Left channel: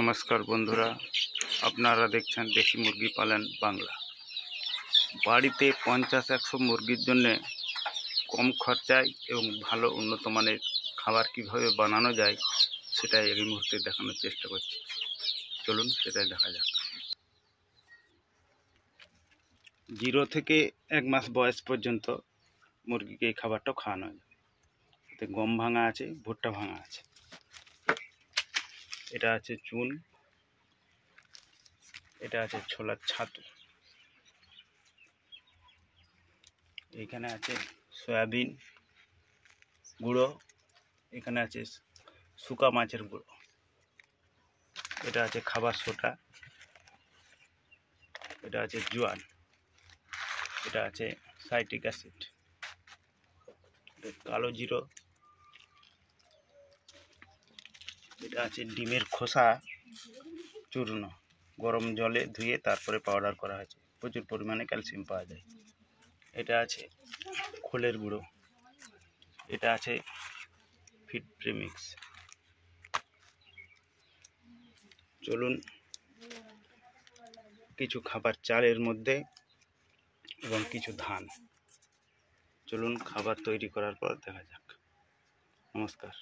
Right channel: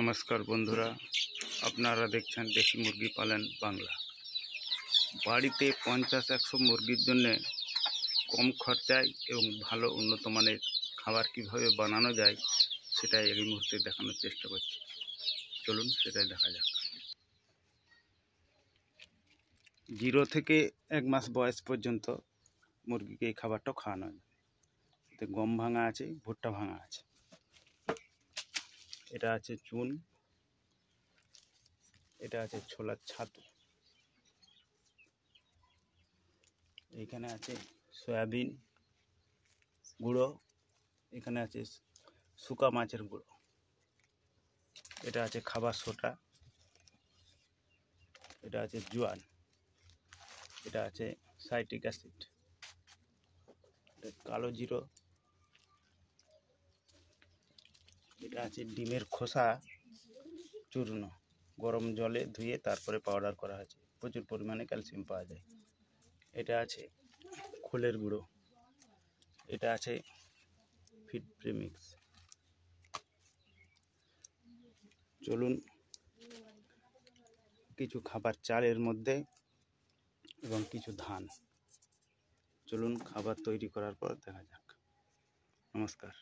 নমস্কার বন্ধুরা, আপনারা দেখছেন দেশি মুরগি পালন বাংলা। বাড়িতে 50-100 মুরগির জন্য কম খরচায় এবং ভালো উন্নত মানের খাবার কিভাবে বানানো যায় সেটাই এই মুহূর্তে দেখানোর চেষ্টা করছি। চলুন সেটাই দেখা যাক। 0 থেকে 1 মাস বয়স পর্যন্ত মুরগিকে এই খাবারটা খাওয়ানো যায়। এতে গম ভাঙা আছে, ভুট্টা ভাঙা আছে, এটা আছে চুন, এটা আছে ছোলার ছাতু, এখানে আছে সয়াবিন গুঁড়ো, এখানে আছে শুকা মাছের গুঁড়ো, এটা আছে খাবার সোটা, এটা আছে জোয়ান, এটা আছে সাইট্রিক অ্যাসিড, কালো জিরো, এটা আছে ডিমের খোসা চূর্ণ, গরম জলে ধুয়ে তারপরে পাউডার করা হয়েছে, প্রচুর পরিমাণে ক্যালসিয়াম পাওয়া যায়। এটা আছে খোলের গুঁড়ো, এটা আছে ফিড প্রেমিক্স। চলুন কিছু খাবার চালের মধ্যে এবং কিছু ধান, চলুন খাবার তৈরি করার পর দেখা যাক। নমস্কার।